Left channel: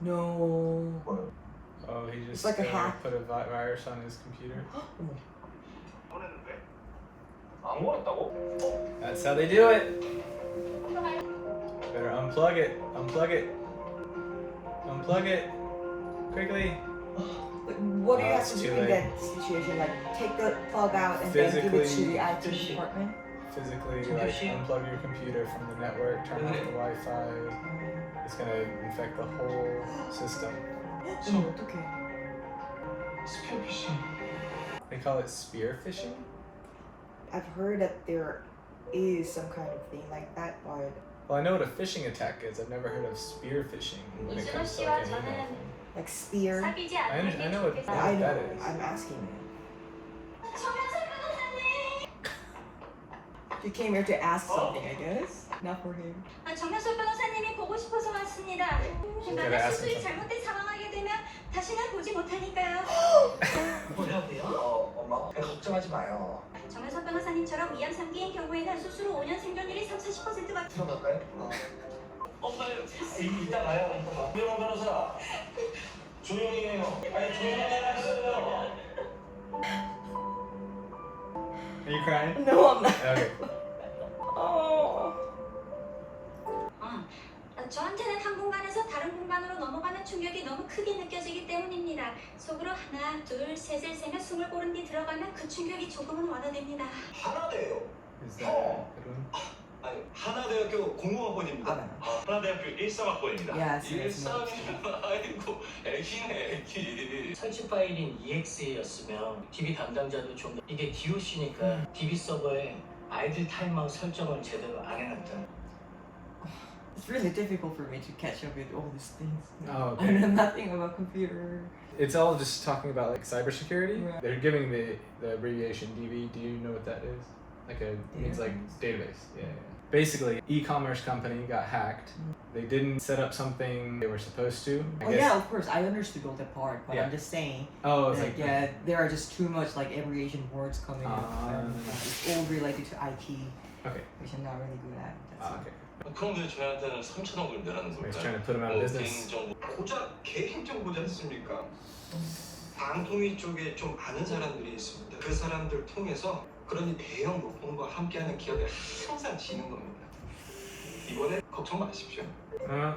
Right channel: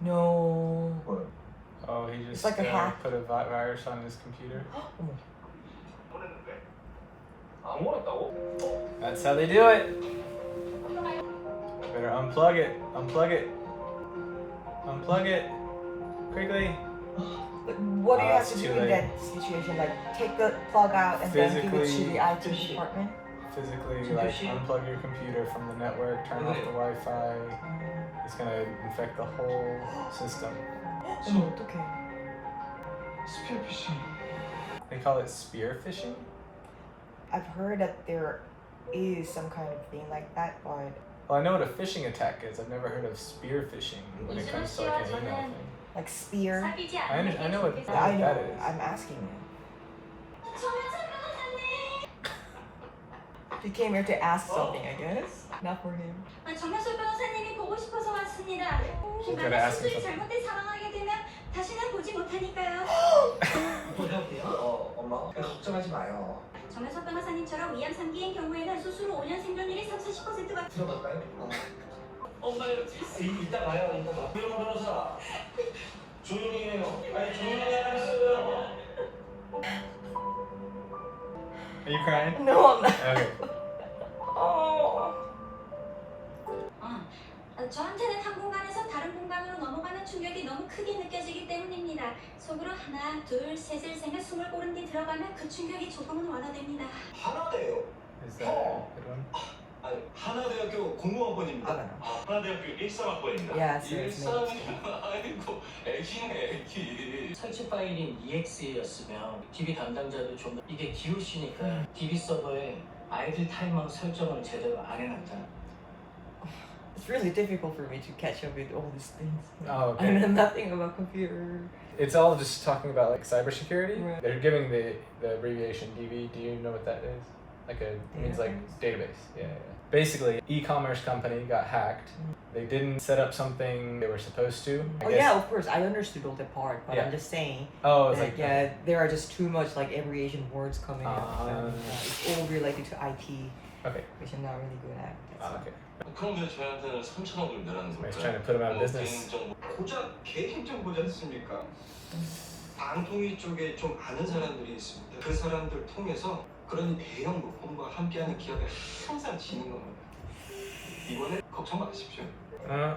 No. Oh, he just It's like a hack. put a virus on his computer. That's how they do it. Better unplug it. Unplug it. Unplug it. Quickly. But what do you have it's to do too in late. that situation? Like take the plug out and then give it to the IT department? Physically, like unplug your computer from the network, turn off the Wi-Fi. It's gonna infect the whole system. 어머 어떡해. 스피어 피싱. They call it spear phishing. I've heard that there is some kind of thing like that, but Well, I know what a phishing attack is. I've never heard of spear phishing when it comes to like an email thing. like spear. I know what I know. that is. I'm asking you. You came here to ask something, I guess. Not for him. 정현석 변호사님이 보고 싶어서 왔습니다. 혹여나 수술이 잘못돼 사망하게 되면 다시는 보지 못하니까요. 엄마 걱정하지 마요. 정현석 변호사님처럼 위암 3기인 경우에는 수술 후 5년 생존율이 30%가 들어갈까요? 엄마요. 이따 가요. 조용 변호사. 조용히 해요. 아니 조용히 하세요. Are you crying? No, I'm not. Okay. Oh. 저한테는 한 공간에서 다른 공간으로 넘어가는 충격이 너무 크게 느껴지기 때문입니다. 속으로 하나, 둘, 셋을 세며 숨을 고른 뒤 들어가면 그 충격이 조금은 완화됩니다. 하나대요. Is that a good one? 아니 하나대학교 공무학번입니다. 알아요. 하나대학교 일사학번입니다. Yes, yes, 아이고 애기네 애기. 설치 파일인 EXE였으면 DB 담당자도 좀 이게 DOC니까 DB 서버에 아이들 타임아웃 설정을 제대로 안 해놨다. It's really difficult for me to catch up with all these things. Oh, I okay. know nothing about computer. It's all just talking about like cybersecurity. Right. They're giving the abbreviation DB. Do you know what that is? Like it means like database. Yeah, yeah, yeah. Basically, e-commerce company got hacked. They didn't set up something they were supposed to. I Oh guess- yeah, of course, I understood all that part, but Yeah. I'm just saying Oh, it's that like yeah, there are just too much like abbreviation words coming up, and Ah. it's all related to IT, Okay. which I'm not really good at. That's all. Okay. 그런 게 저희한테는 3천억을 내라는 So he's 걸까요? trying to put him out of business. 개인정보 고작 개인정보지 않습니까? 방통위 쪽에 좀 아는 사람들이 있습니다. 그 사람들 통해서 그런 대형 물품과 함께하는 기업에 항상 지는 겁니다. 이번에 걱정 마십시오.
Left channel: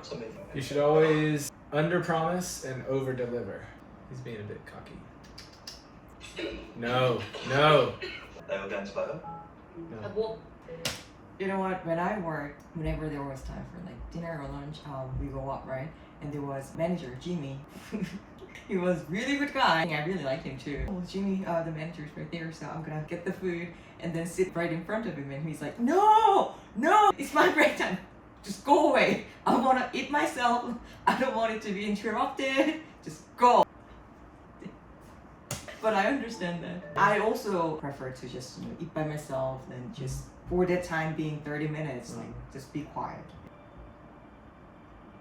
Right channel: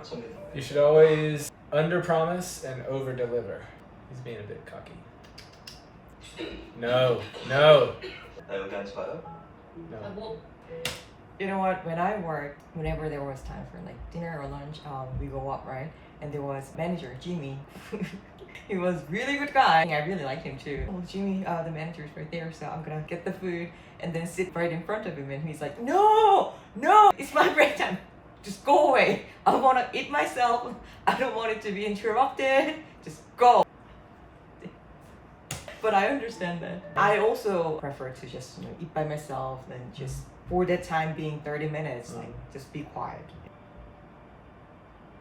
선배님. You should always under-promise and over-deliver. He's being a bit cocky. No, no, 나 여기 앉아봐요. no. You know what? When I worked, whenever there was time for like dinner or lunch, we go up, right? And there was manager Jimmy. He was really good guy. I really liked him too. Oh, Jimmy, the manager's right there, so I'm gonna get the food and then sit right in front of him. And he's like, "No, no, it's my break time. Just go away. I wanna eat myself. I don't want it to be interrupted. Just go." But I understand that. I also prefer to just eat by myself and just for that time being 30 minutes, like just be quiet.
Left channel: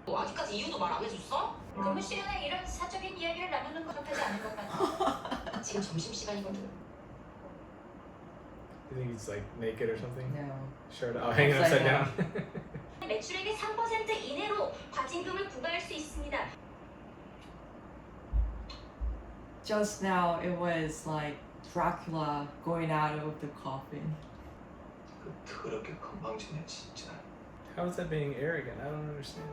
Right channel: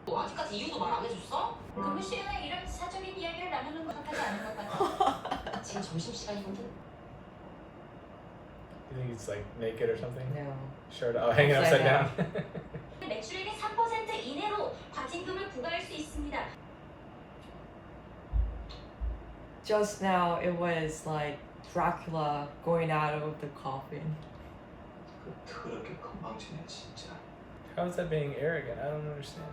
아직까지 이유도 말 안 해줬어? 근무 시간에 이런 사적인 이야기를 나누는 건 하지 않은 것 같아. 지금 점심시간이거든. You think he's like naked or something? No. Shirt hanging upside Upside down. 매출액의 3% 이내로 과징금을 부과할 수 있습니다. Just now it was like Dracula going out of the coffin. 그 더럽게 건방지네 진짜. How is that being arrogant? I don't understand.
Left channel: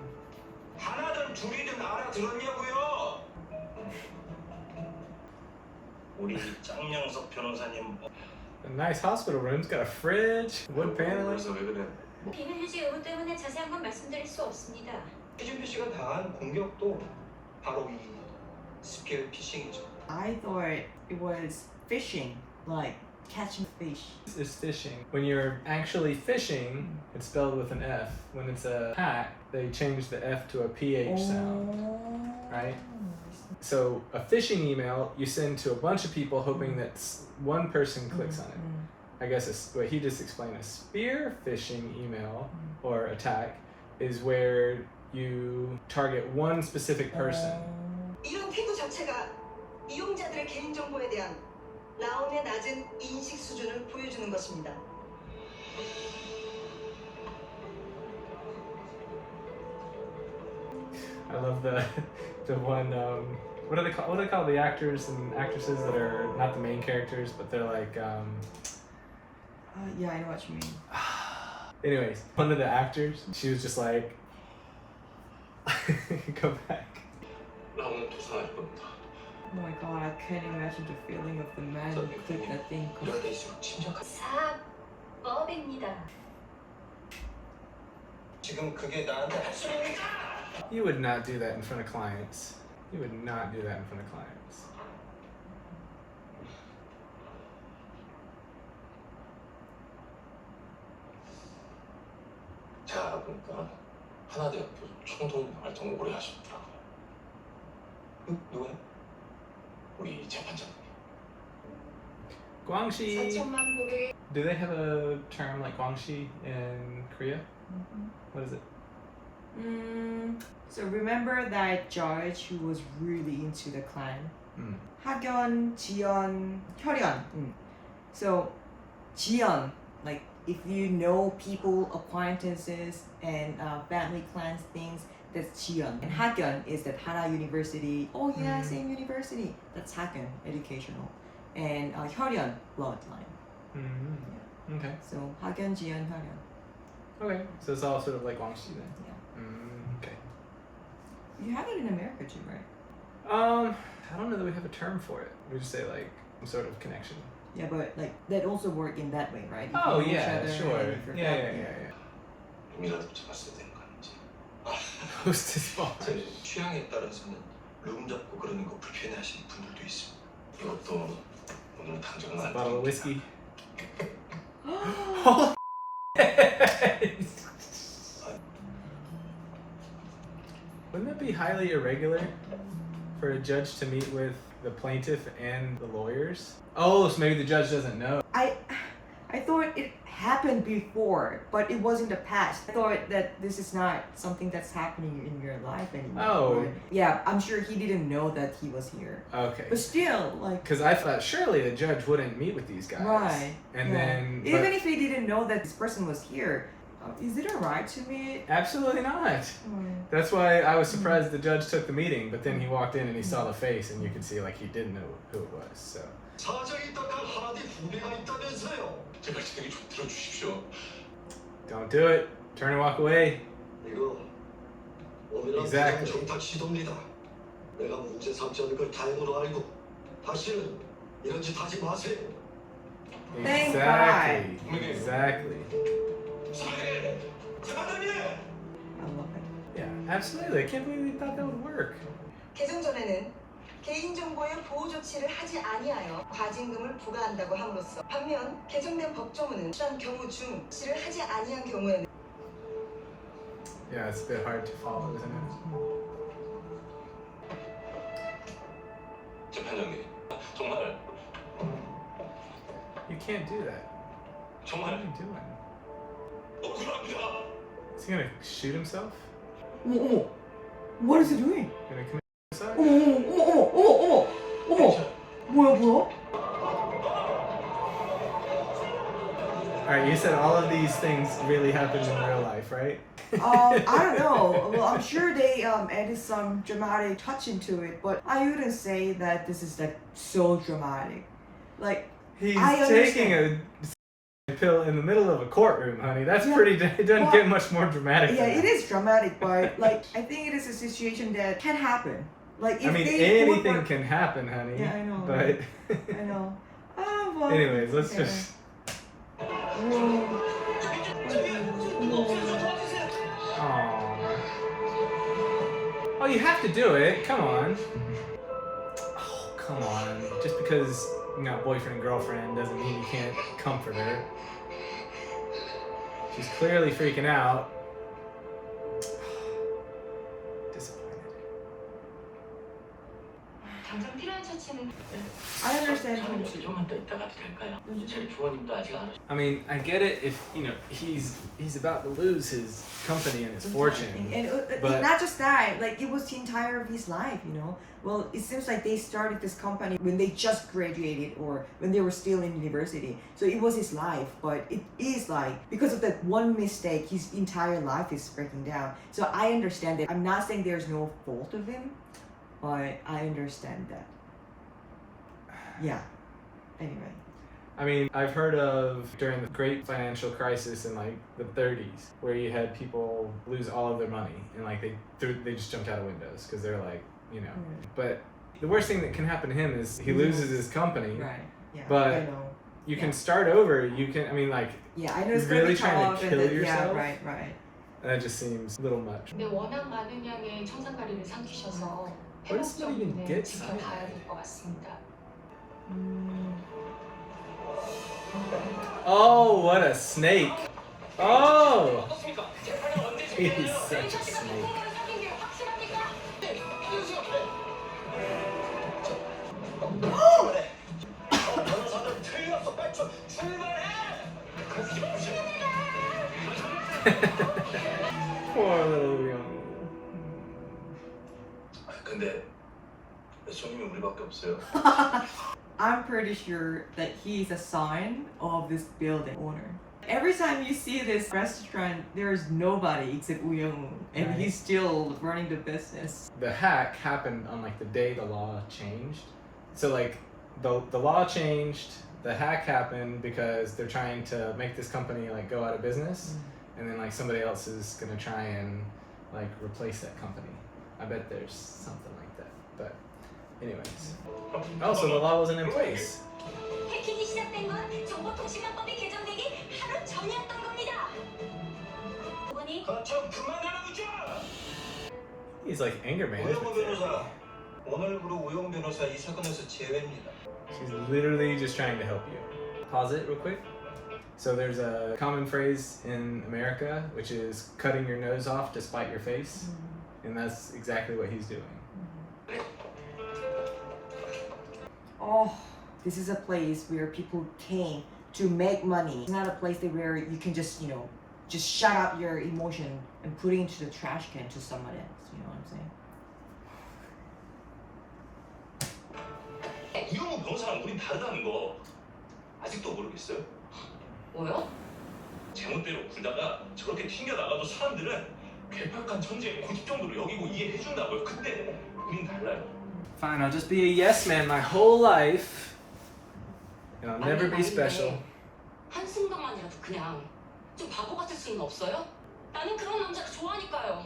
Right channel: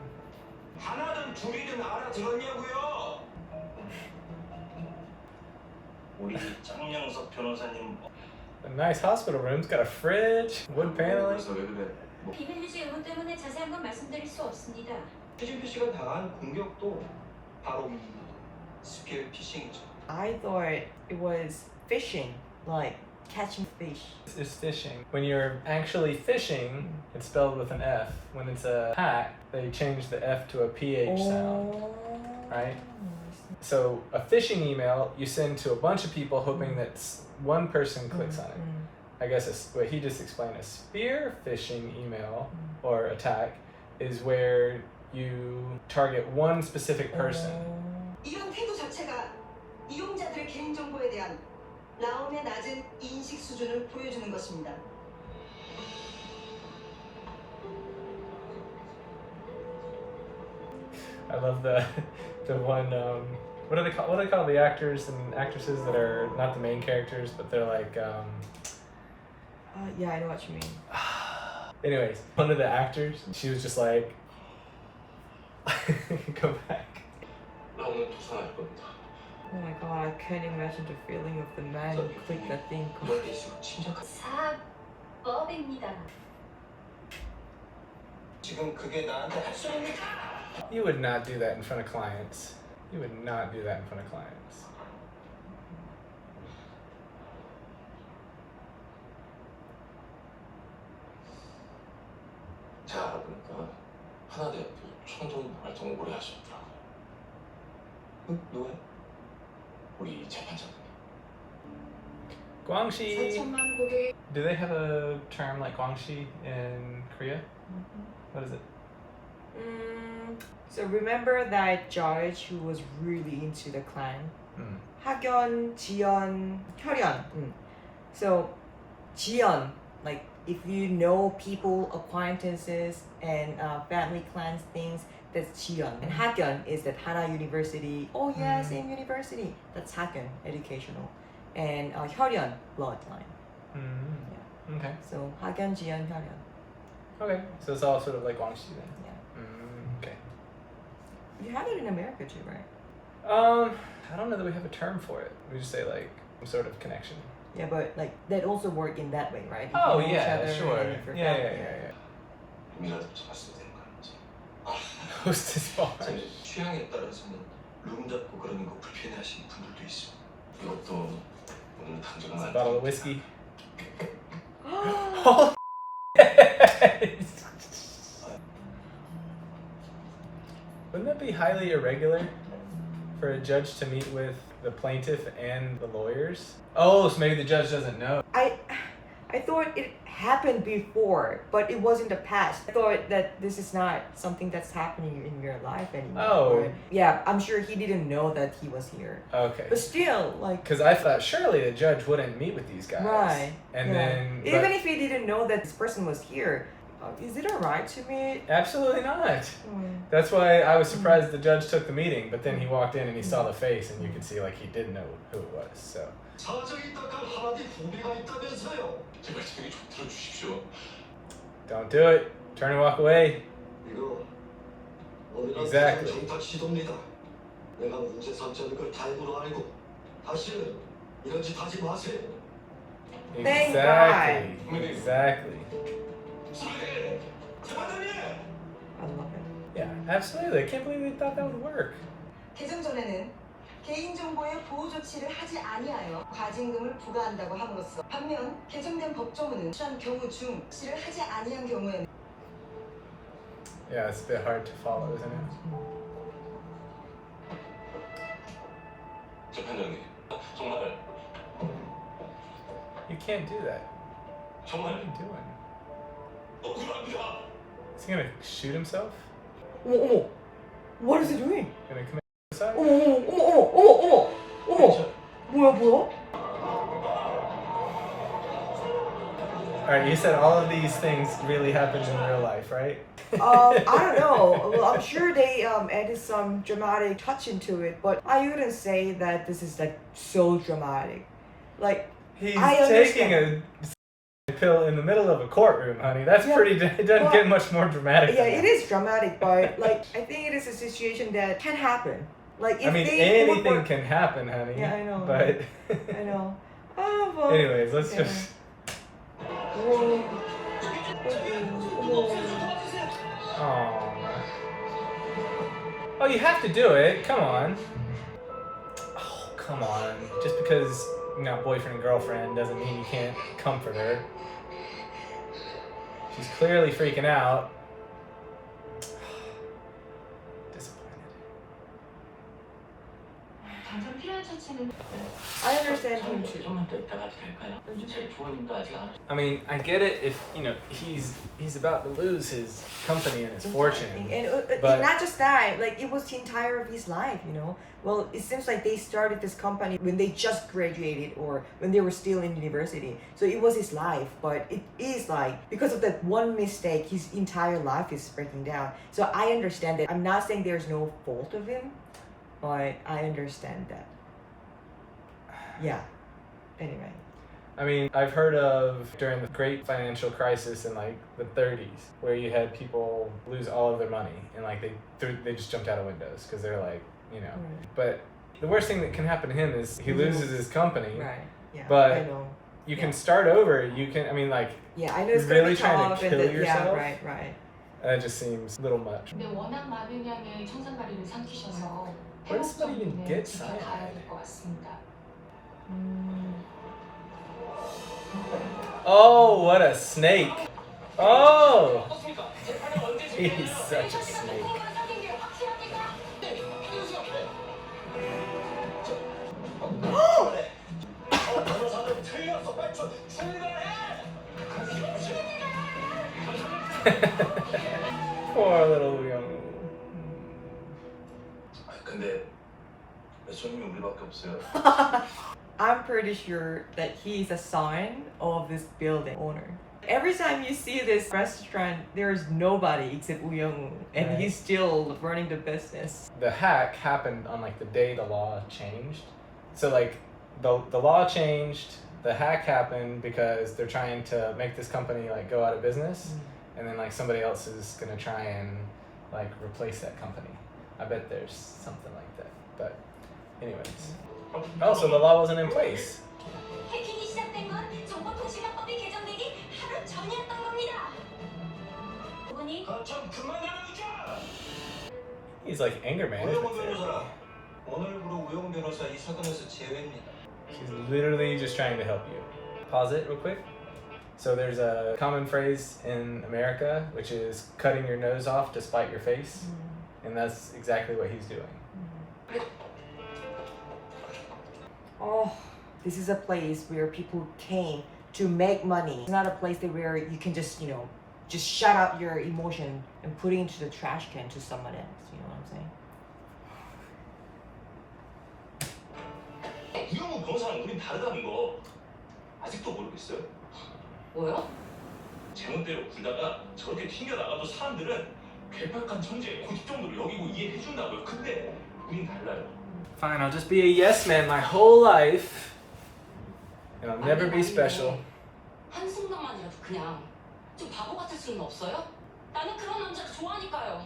하나든 둘이든 알아들었냐고요? 우리 장영석 변호사님 A nice hospital room's got a fridge, wood paneling. 그래서 왜 그래? 비밀 유지 의무 때문에 자세한 건 말씀드릴 수 없습니다. 최준표 씨가 당한 공격도 바로 이 스피어 피싱이죠. I thought it was fishing, like catching fish. It's fishing. When you're actually fishing, it's spelled with an F. When it's a hack, they change the F to a PH sound, right? So a phishing email you send to a bunch of people hoping that one person clicks on it. I guess what he just explained, a spear phishing email or attack is where you target one specific person. 이런 태도 자체가 이용자들의 개인정보에 대한 라온의 낮은 인식 수준을 보여주는 것입니다. I love the one. What do they call? What do they call the actors and actresses that are not the main characters, but they're like. Yeah, I know what you mean. Anyways, one of the actors, she was just like, go back. 나 오늘 도산할 겁니다. Oh my god, I can't imagine the feeling of the man who clicked that thing. 이럴 때일수록 침착한. 사법입니다. 지금 그게 나한테 할 수 있는. You would not do that in front of clients. You would not do that in front of clients. 제가 알아보니까 하나대학교 총동 활동을 오래 하셨더라고요. 누구요? 우리 재판장님. Guangxi. 4천만 고객. Do they have a term like Guangxi in Korea? What is it? So remember that judge who was really into the clan? Mm. 학연, 지연, 혈연. So 지연, like if you know people, acquaintances, and family clans things, that's 지연. And 학연 is that Hana University. Oh yeah, same university. That's 학연, educational. And 혈연, bloodline. Mm-hmm. Okay. So 학연, 지연, 혈연. Okay. So it's all sort of like Guangxi then. Yeah. Okay. You have it in America too, right? I don't know that we have a term for it. We just say like some sort of connection. Yeah, but like that also work in that way, right? If you Oh know each yeah, other sure. and if you're Yeah, yeah, family. yeah, rum이라도 잡았어야 되는 거 아니지? yeah. Hostess bar. 제 취향에 따라서는 룸 잡고 그러는 거 불편해하시는 분들도 있습니다. 이것도 오늘 당장은 It's a 안 bottle of 됩니다. whiskey. Wouldn't that be highly irregular for a judge to meet with the plaintiff and the lawyers? Oh, so maybe the judge doesn't know. I thought it happened before, but it was in the past. I thought that this is not something that's happening in your life anymore. Oh. But yeah, I'm sure he didn't know that he was here. Okay. But still, like, Because I thought surely the judge wouldn't meet with these guys. right. And yeah. then. Even but if he didn't know that this person was here, is it alright to meet? absolutely not. Mm. That's why I was surprised the judge took the meeting, but then he walked in and he saw the face and you could see like he did know who it was. So. 사장이 딱한 하나디 후배가 있다면서요. 제발 제기 좀 들어주십시오. Don't do it. Turn and walk away. 이거 오늘은 Exactly. 정탁 시도입니다. 내가 문제 삼지 않을 걸 다행으로 알고 다시는 이런 짓 하지 마세요. Thank Exactly. God. Exactly. 사장님, 재판장님. I love it. Yeah, absolutely. I can't believe they thought that would work. 개정 전에는 개인정보의 보호 조치를 하지 아니하여 과징금을 부과한다고 함으로써 반면 개정된 법조문은 이러한 경우 중 조치를 하지 아니한 경우에는 Yeah, it's a bit hard to follow, isn't it? 재판장님, 정말 You can't do that. What are 정말 you doing? 억울합니다. Is he gonna shoot himself? 어머. What is he doing? Gonna commit suicide? 어머. 뭐야? Alright, you said all of these things really happened in real life, right? I don't know. Well, I'm sure they added some dramatic touch into it, but I wouldn't say that this is like so dramatic. Like, He's I taking understand. a pill in the middle of a courtroom, honey. That's Yeah, pretty. It doesn't well, get much more dramatic. yeah, than it that. is dramatic, but like I think it is a situation that can happen. Like if I mean, they would anything work- can happen, honey. Yeah, I know. But I know. Oh, well. anyways, let's yeah. just. Whoa. Aww. Oh, you have to do it. Come on. Oh, come on. Just because you got boyfriend and girlfriend doesn't mean you can't comfort her. She's clearly freaking out. Disappointed. 당장 필요한 특별한 처치는 I understand him too. 좀만 더 있다 가도 될까요? 제 부모님도 아직 안 I mean, I get it if you know he's about to lose his company and his fortune. And But- not just that, like it was the entire of his life, you know. Well, it seems like they started this company when they just graduated or when they were still in university. So it was his life, but it is like because of that one mistake, his entire life is breaking down. So I understand that. I'm not saying there's no fault of him, but I understand that. Yeah. Anyway. I mean, I've heard of during the great financial crisis in like the 30s, where you had people lose all of their money and like they just jumped out of windows because they're like, you know. But the worst thing that can happen to him is he loses his company. Right. Yeah. But I know. you can start over. You can. I mean, like Yeah, I know it's gonna really be trying tough to and kill yeah, yourself? right. that just seems a little much. 근데 워낙 많은 양의 청산가리를 삼키셔서 Where does 회복 somebody even 정도는 get 지켜봐야 cyanide? 될 것 같습니다. Oh, what a snake! Oh, he's such a snake. Poor little young. 근데 손님이 우리밖에 없어요. I'm pretty sure that he's a son of this building owner. Every time you see this restaurant, there's nobody except Woo Young-woo, and Right. he's still running the business. The hack happened on like the day the law changed. So like the law changed, the hack happened because they're trying to make this company like go out of business, and then like somebody else is gonna try and like replace that company. I bet there's something like that. But anyways. Oh, so the law wasn't in place. 해킹이 시작된 건 정보통신망법이 개정되기 하루 전이었던 겁니다. 부모님, 좀 그만하라고죠. He's like anger 우영 management therapy. 변호사, 오늘부로 우영 변호사 이 사건에서 제외입니다. She's literally just trying to help you. Pause it real quick. So there's a common phrase in America, which is cutting your nose off to spite your face. And that's exactly what he's doing. Oh, this is a place where people came to make money. It's not a place that where you can just, just shut out your emotion and put it into the trash can to someone else. You know what I'm saying? 우영우 변호사랑 우린 다르다는 거 아직도 모르겠어요? 뭐요? 제멋대로 굴다가 저렇게 튕겨 나가도 사람들은 괴팍한 천재의 고집 정도로 여기고 이해해 준다고요. 근데 우린 달라요. Fine, I'll just be a yes man my whole life. And I'll never be special. 한순간만이라도 그냥 좀 바보 같을 수는 없어요? 나는 그런 남자를 좋아하니까요.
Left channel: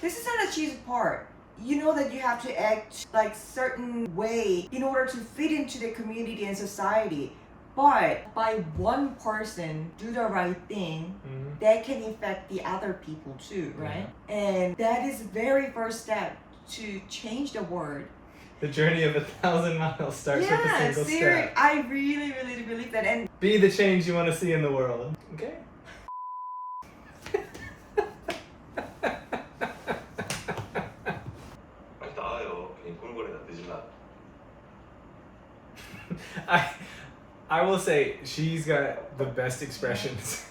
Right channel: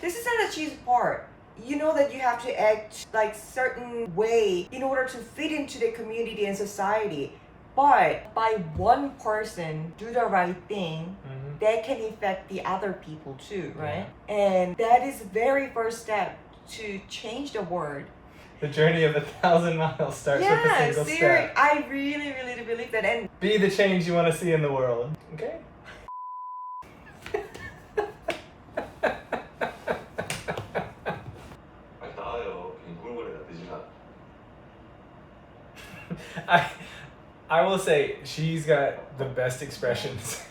This is not a cheesy part. You know that you have to act like certain way in order to fit into the community and society. But by one person do the right thing, that can affect the other people too, right? And that is the very first step to change the world. The journey of 1,000 miles starts with a Yeah, single seriously, step. I really, really do believe that. And Be the change you want to see in the world. Okay? 빨리 나와요. 괜히 꿀거리다 늦으면. I will say she's got the best expressions.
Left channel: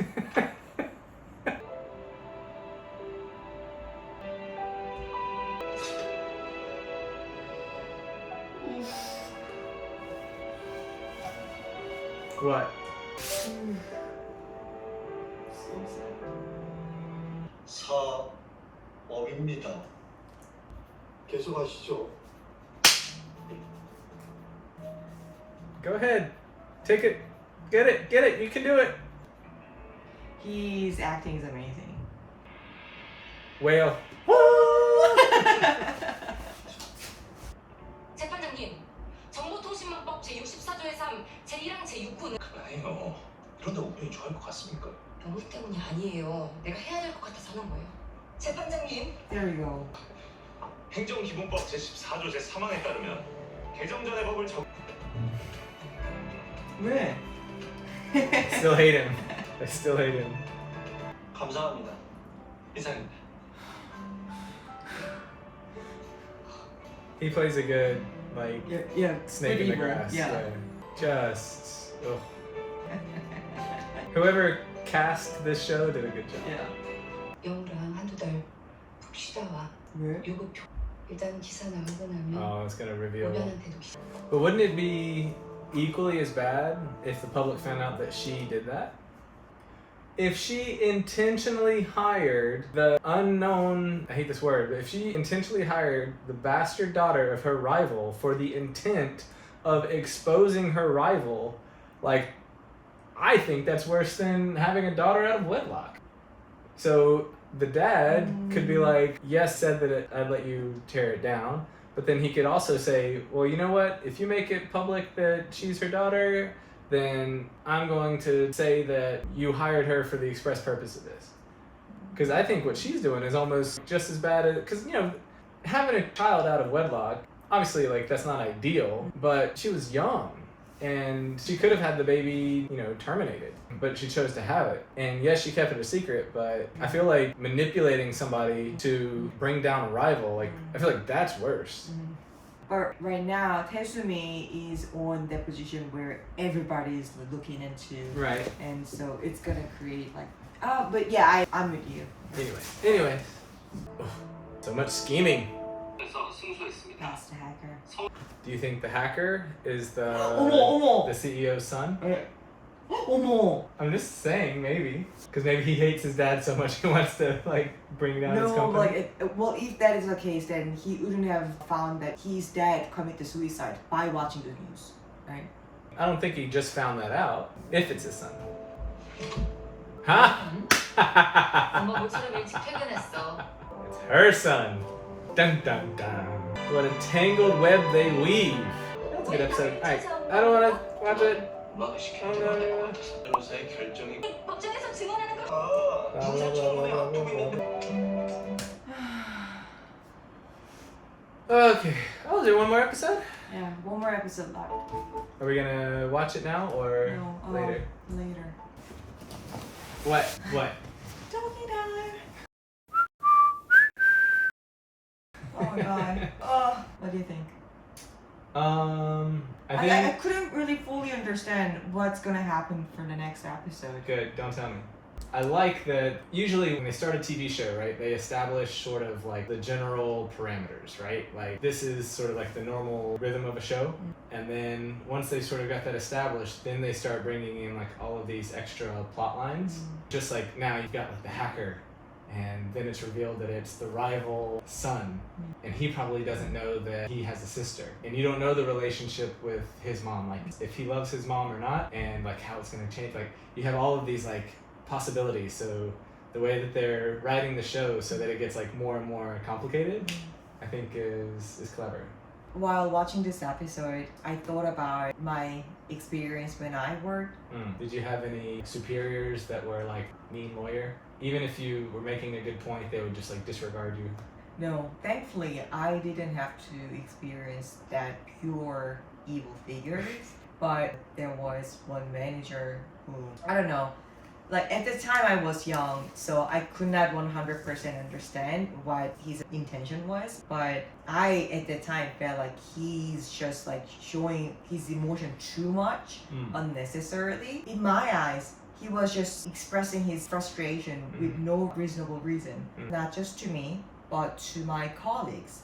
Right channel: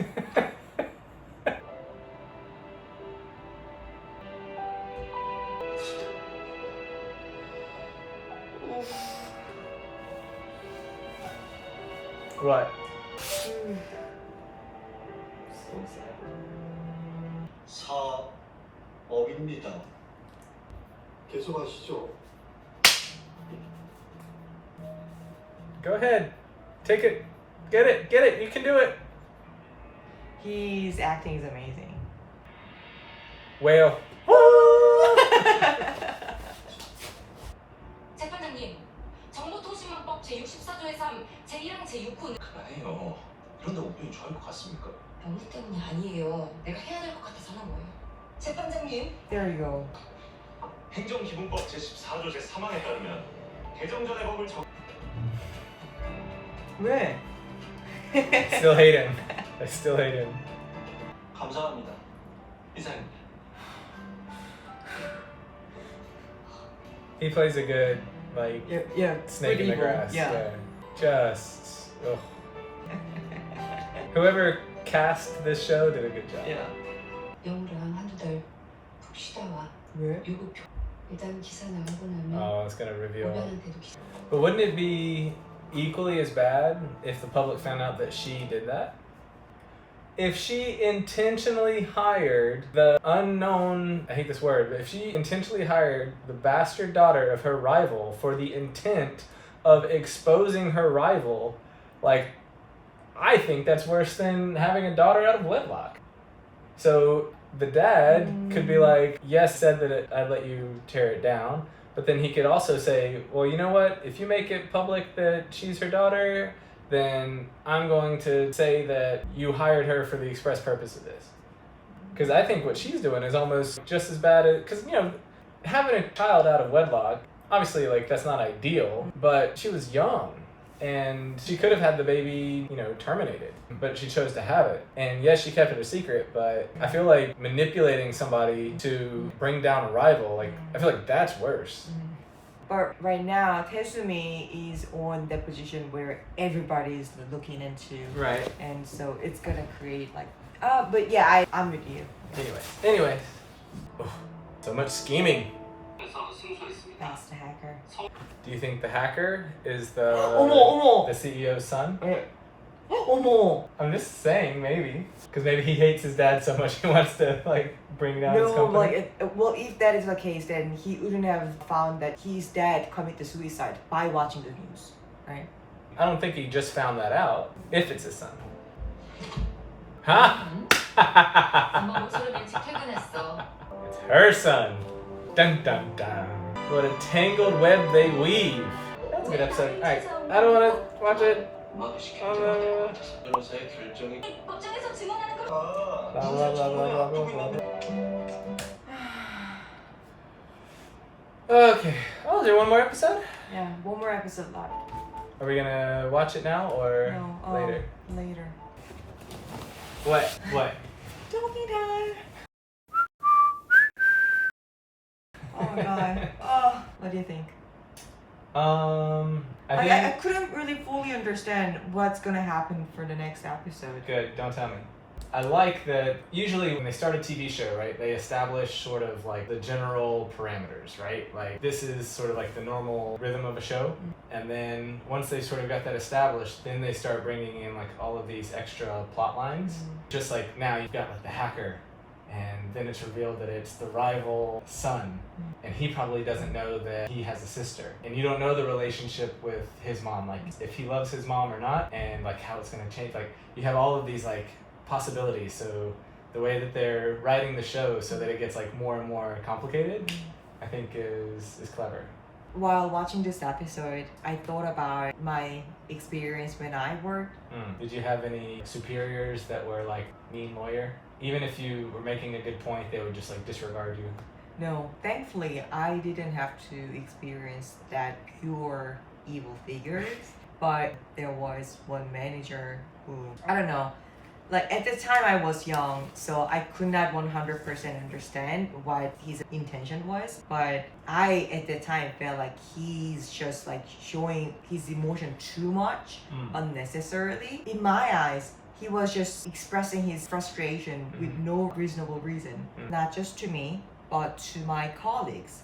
What? 사업입니다. 계속하시죠. Go ahead. Take it. Get it. Get it. You can do it. his acting is amazing. Whale. 재판장님, 정보통신망법 제64조의 3, 제1항 제6호는 그만해요. 그런데 오픈이 좋아할 것 같습니까? 병우 때문이 아니에요. 내가 해야 될 것 같아서 하는 거예요. 재판장님, There you go. 행정기본법 제14조 제3항에 따르면 개정 전의 법을 왜? Still hate him. I still hate him. 감사합니다. 이상입니다. He plays a good, like, Yeah, snake in the evil, grass. yeah. Just, ugh. Whoever cast this show did a good job. Yeah. 영우랑 한두 달 푹 쉬다 와. 왜? 요거 일단 기사 나가고 나면 Oh, it's gonna reveal. 우변한테도 기사. But wouldn't it be equally as bad if the public found out that she did that? If she intentionally hired the unknown, I hate this word, but if she intentionally hired the bastard daughter of her rival for the intent of exposing her rival, like, I think that's worse than having a daughter out of wedlock. So the dad could be like, yes, said that I'd let you tear it down, but then he could also say, well, you know what? If you make it public that she's her daughter, then I'm going to say that you hired her for the express purpose of this. Because I think what she's doing is almost just as bad as, because, you know, having a child out of wedlock, obviously, like, that's not ideal, but she was young. And she could have had the baby, you know, terminated, but she chose to have it. And yes, she kept it a secret, but I feel like manipulating somebody to bring down a rival, like, I feel like that's worse. But right now, Taesumi is on that position where everybody is looking into, Right. and so it's gonna create like, but yeah, I'm with you. Anyways. So much scheming. 에서 승소했습니다. That's the hacker. Do you think the hacker is the 어머, the CEO's son? 어머. I'm just saying, maybe, because maybe he hates his dad so much he wants to like bring down his No, company. like, well, if that is the case, then he wouldn't have found that his dad committed suicide by watching the news, right? I don't think he just found that out. If it's his son. Huh? 엄마 모처럼 일찍 퇴근했어. It's her son. Dun dun dun. What a tangled web they weave. That's a good episode. Alright, I don't want to watch it. 엄마가 시키는 변호사의 결정이 법정에서 증언하는 걸 인사 처분을 앞두고 있는데 Okay. Oh, is there one more episode? Yeah, one more episode left. Are we gonna watch it now or No, later? Later. What? What? Doggy time. Oh my god. Oh, what do you think? I think. I couldn't really fully understand what's gonna happen for the next episode. Good, don't tell me. I like that usually when they start a TV show, right, they establish sort of like the general parameters, right? Like this is sort of like the normal rhythm of a show. And then once they sort of got that established, then they start bringing in like all of these extra plot lines. Just like now you've got like the hacker, and then it's revealed that it's the rival son, and he probably doesn't know that he has a sister, and you don't know the relationship with his mom, like if he loves his mom or not, and like how it's going to change. Like you have all of these like possibilities. So the way that they're writing the show so that it gets like more and more complicated, I think is clever. While watching this episode, I thought about my experience when I worked. Did you have any superiors that were like mean lawyer? Even if you were making a good point, they would just like disregard you. No, thankfully, I didn't have to experience that pure evil figures. But there was one manager who, I don't know, like at the time I was young, so I could not 100% understand what his intention was. But I, at the time, felt like he's just like showing his emotion too much unnecessarily. In my eyes, he was just expressing his frustration with no reasonable reason, not just to me, but to my colleagues.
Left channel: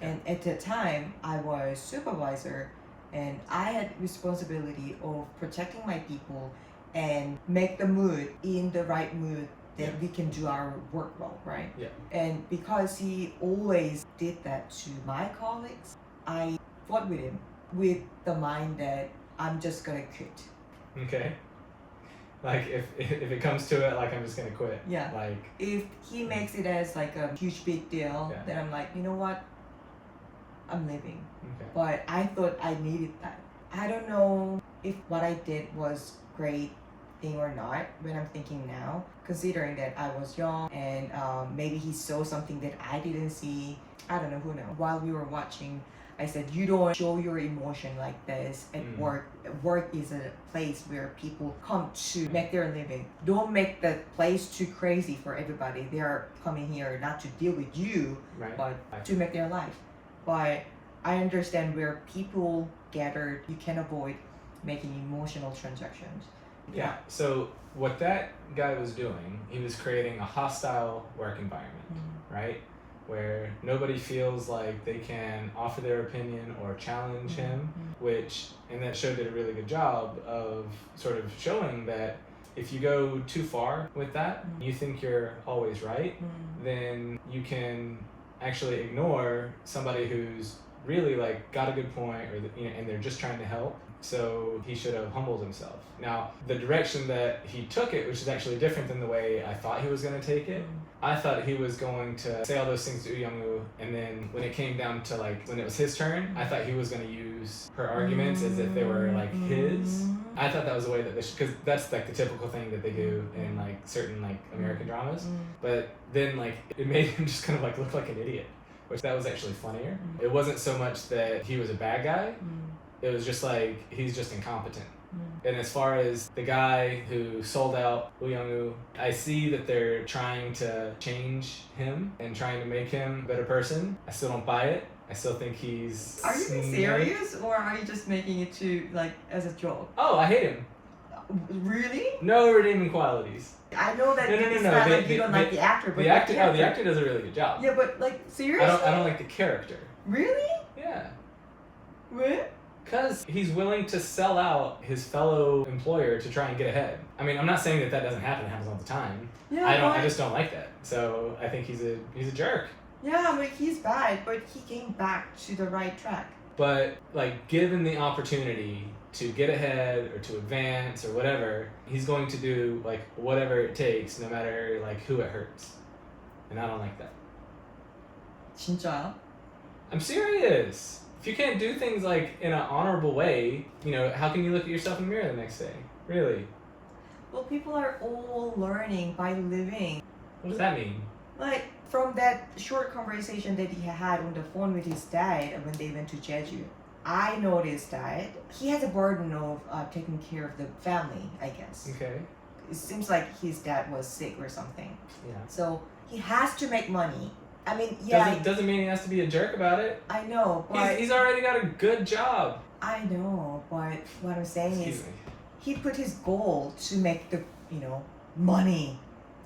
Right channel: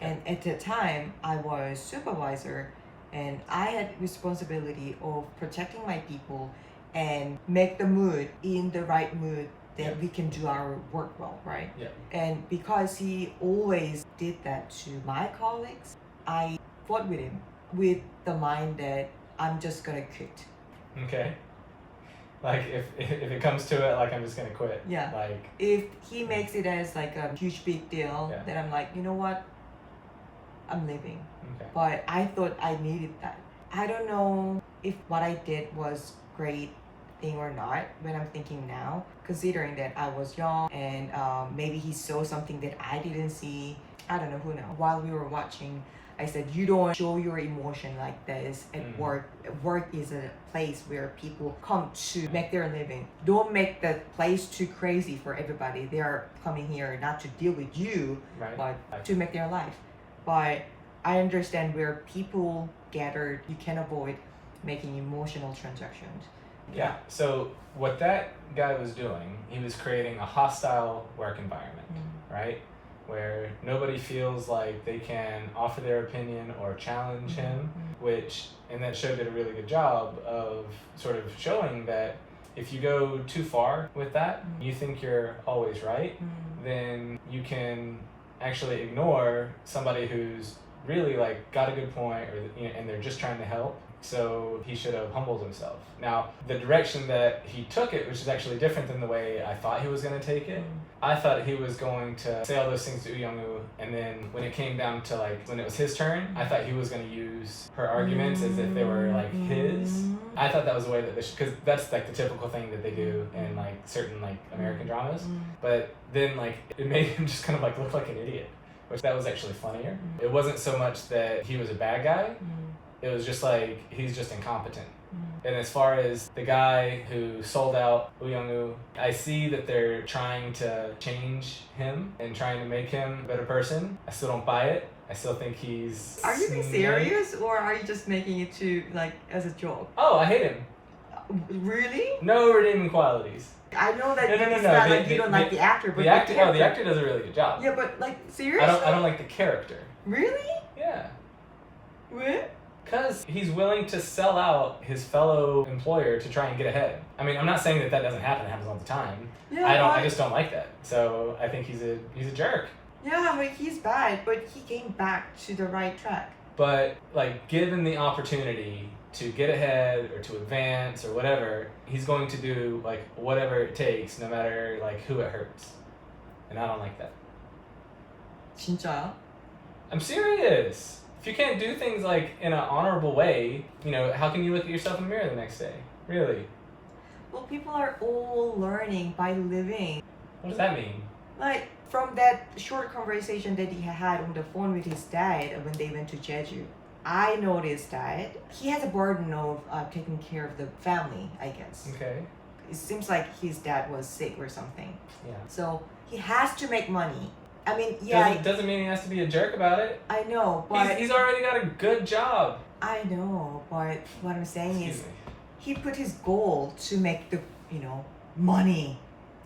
And at the time, I was supervisor, and I had responsibility of protecting my people and make the mood in the right mood that we can do our work well, right? Yeah. And because he always did that to my colleagues, I fought with him with the mind that I'm just gonna quit. Okay. Like if it comes to it, like I'm just gonna quit. Yeah. Like If he makes it as like a huge big deal, Yeah. then I'm like, you know what? I'm leaving. okay. But I thought I needed that. I don't know if what I did was great thing or not when I'm thinking now, considering that I was young and maybe he saw something that I didn't see. I don't know, who knows. While we were watching, I said, you don't show your emotion like this at work. Work is a place where people come to make their living. Don't make the place too crazy for everybody. They are coming here not to deal with you, Right. but to make their life. But I understand where people gathered, you can avoid making emotional transactions. Yeah. So what that guy was doing, he was creating a hostile work environment, right? Where nobody feels like they can offer their opinion or challenge him, and that show did a really good job of sort of showing that if you go too far with that, you think you're always right, then you can actually ignore somebody who's really like got a good point, or and they're just trying to help. So he should have humbled himself. Now, the direction that he took it, which is actually different than the way I thought he was going to take it. I thought he was going to say all those things to Young-woo, and then when it came down to like when it was his turn, I thought he was going to use her arguments as if they were like his. I thought that was the way that because that's like the typical thing that they do in like certain like American dramas. But then like it made him just kind of like look like an idiot, which that was actually funnier. It wasn't so much that he was a bad guy. It was just like he's just incompetent. And as far as the guy who sold out Woo Young-woo, I see that they're trying to change him and trying to make him a better person. I still don't buy it. I still think he's... Are you being serious, or are you just making it to like as a joke? Oh, I hate him. Really? No redeeming qualities. I know that No. it's not like you don't like the actor, but the actor does a really good job. Yeah, but like seriously? I don't like the character. Really? Yeah. What? Because he's willing to sell out his fellow employer to try and get ahead. I mean, I'm not saying that doesn't happen. It happens all the time. Yeah, I just don't like that. So I think he's a jerk. Yeah, but he's bad, but he came back to the right track. But like, given the opportunity to get ahead or to advance or whatever, he's going to do like whatever it takes, no matter like who it hurts. And I don't like that. 진짜요? I'm serious. If you can't do things like in an honorable way, how can you look at yourself in the mirror the next day? Really? Well, people are all learning by living. What does that mean? Like, from that short conversation that he had on the phone with his dad when they went to Jeju, I noticed that he has a burden of taking care of the family, I guess. Okay. It seems like his dad was sick or something. Yeah. So he has to make money. I mean, yeah. Doesn't mean he has to be a jerk about it. I know, but... He's already got a good job. I know, but what I'm saying is he put his goal to make the, money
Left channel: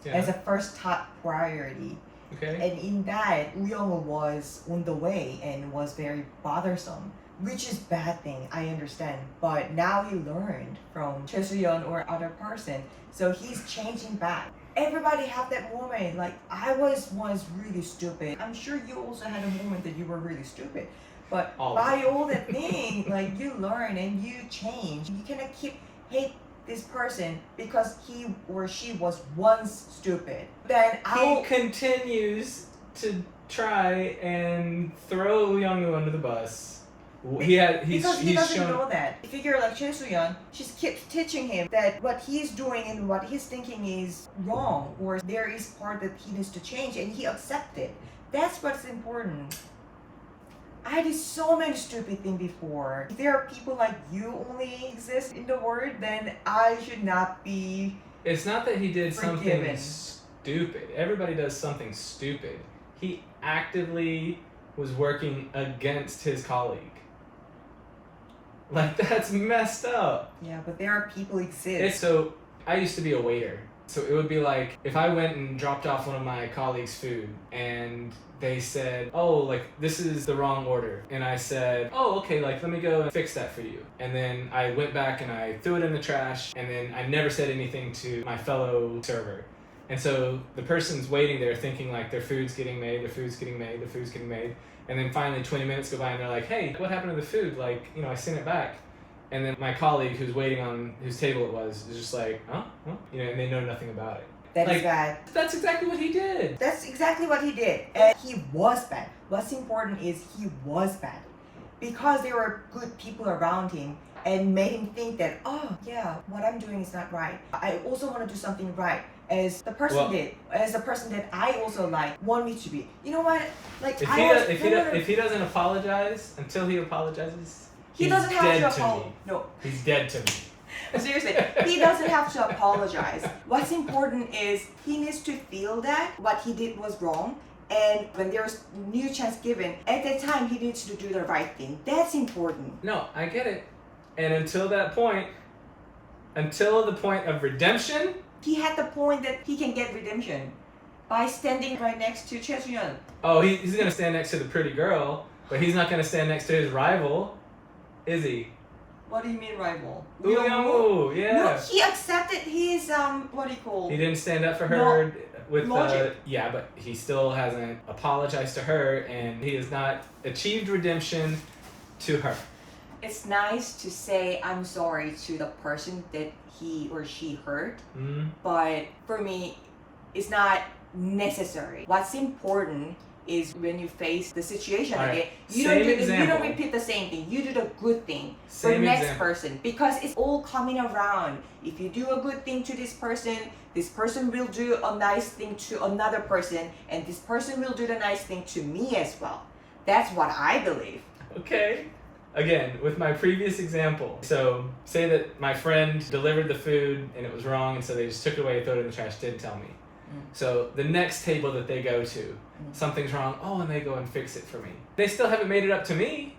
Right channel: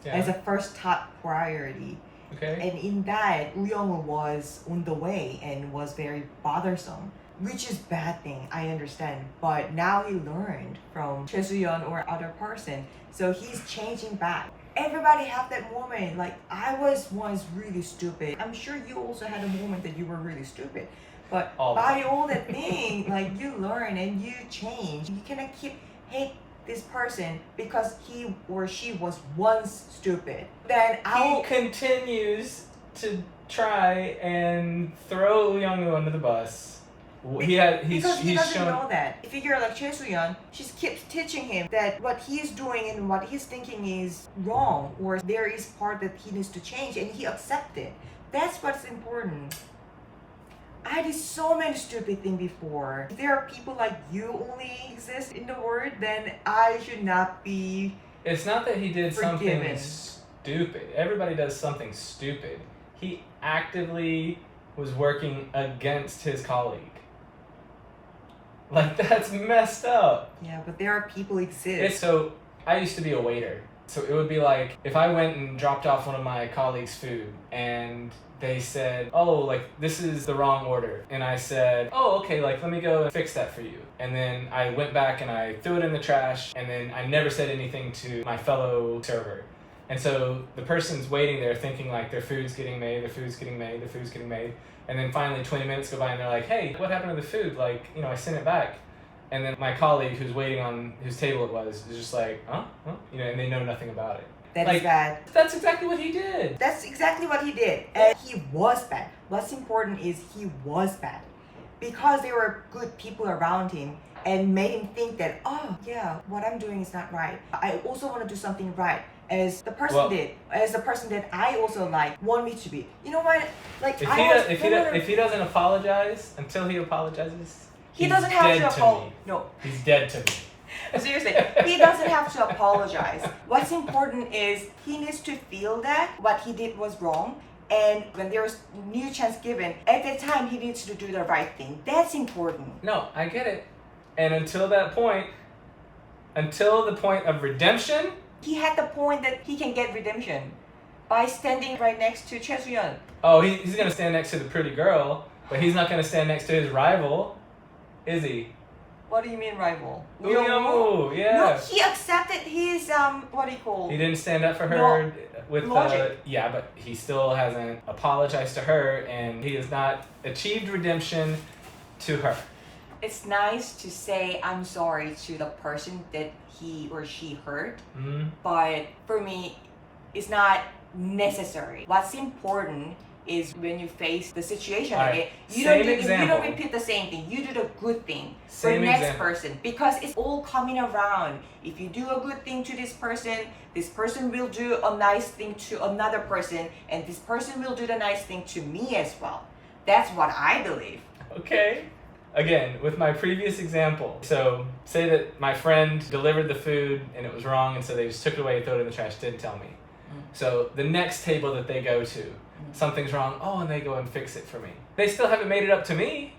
as a first top priority. Okay. And in that, Woo Young-woo was on the way and was very bothersome, which is bad thing, I understand. But now he learned from Choi Soo-yeon or other person, so he's changing back. Everybody have that moment, like I was once really stupid. I'm sure you also had a moment that you were really stupid. But by all that thing, like you learn and you change. You cannot hate this person because he or she was once stupid. Then he continues to try and throw Woo Young-woo under the bus. Because he doesn't know that. Figure like Choi Soo-yeon, she keeps teaching him that what he's doing and what he's thinking is wrong, or there is part that he needs to change, and he accepts it. That's what's important. I did so many stupid things before. If there are people like you only exist in the world, then I should not be It's not that he did forgiven. something stupid. Everybody does something stupid. He actively was working against his colleague. Like, that's messed up. Yeah, but there are people exist. So, I used to be a waiter. So it would be like, if I went and dropped off one of my colleagues' food and they said, oh, like, this is the wrong order. And I said, oh, okay, like, let me go and fix that for you. And then I went back and I threw it in the trash, and then I never said anything to my fellow server. And so the person's waiting there thinking like their food's getting made, their food's getting made, their food's getting made. And then finally 20 minutes go by and they're like, hey, what happened to the food? Like, I sent it back. And then my colleague who's waiting on whose table it was is just like, huh? And they know nothing about it. That is bad. That's exactly what he did. That's exactly what he did. And he was bad. What's important is he was bad. Because there were good people around him and made him think that, oh, yeah, what I'm doing is not right. I also want to do something right. As the person did, as the person that I also want me to be. You know what? Like if he doesn't apologize until he apologizes, he doesn't have to apologize. No, he's dead to me. Seriously, he doesn't have to apologize. What's important is he needs to feel that what he did was wrong And when there's new chance given, at that time he needs to do the right thing. That's important. No, I get it. And until that point, until the point of redemption, He had the point that he can get redemption by standing right next to Choi Soo-yeon. oh, he's gonna stand next to the pretty girl, but he's not gonna stand next to his rival, is he? What do you mean rival? Yo, yeah. No, he accepted his what do you call? He didn't stand up for her No, with logic. yeah, but he still hasn't apologized to her, and he has not achieved redemption to her. It's nice to say I'm sorry to the person that he or she hurt, Mm. but for me, it's not necessary. What's important is when you face the situation Alright, again, you same don't example. repeat the same thing. You do the good thing for Same next example. person because it's all coming around. If you do a good thing to this person will do a nice thing to another person, and this person will do the nice thing to me as well. That's what I believe. Okay. Again, with my previous example, so say that my friend delivered the food and it was wrong, and so they just took it away and threw it in the trash, didn't tell me. So the next table that they go to, something's wrong, oh, and they go and fix it for me. They still haven't made it up to me.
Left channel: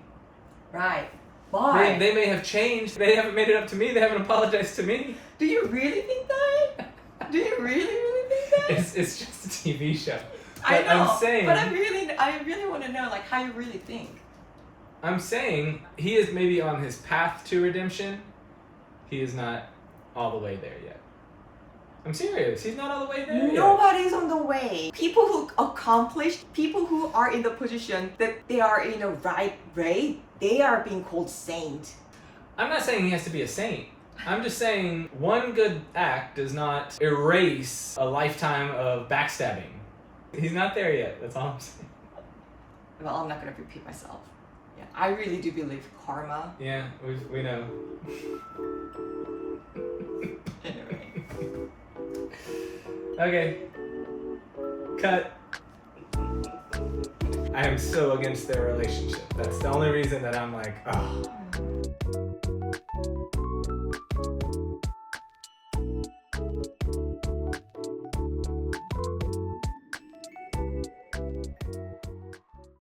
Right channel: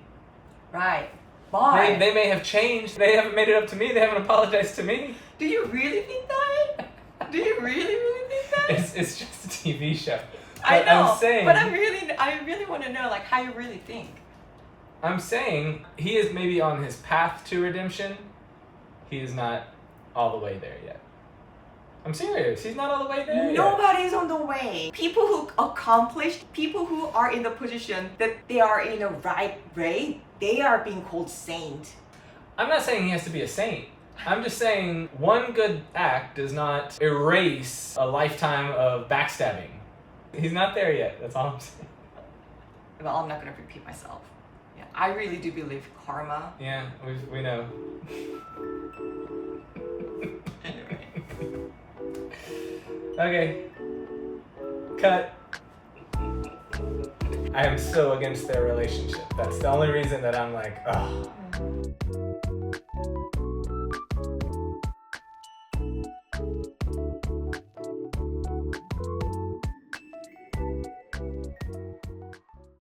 Right. But They may have changed, they haven't made it up to me, they haven't apologized to me. do you really think that? Do you really think that? It's just a TV show. I But know, I'm saying, but I really want to know like how you really think. I'm saying he is maybe on his path to redemption. He is not all the way there yet. I'm serious. He's not all the way there yet. Nobody's on the way. People who accomplish, people who are in the position that they are in the right way, they are being called saint. I'm not saying he has to be a saint. I'm just saying one good act does not erase a lifetime of backstabbing. He's not there yet. That's all I'm saying. Well, I'm not gonna repeat myself. Yeah, I really do believe karma. Yeah, we know. Anyway. Okay. Cut. I am so against their relationship. That's the only reason that I'm like, oh.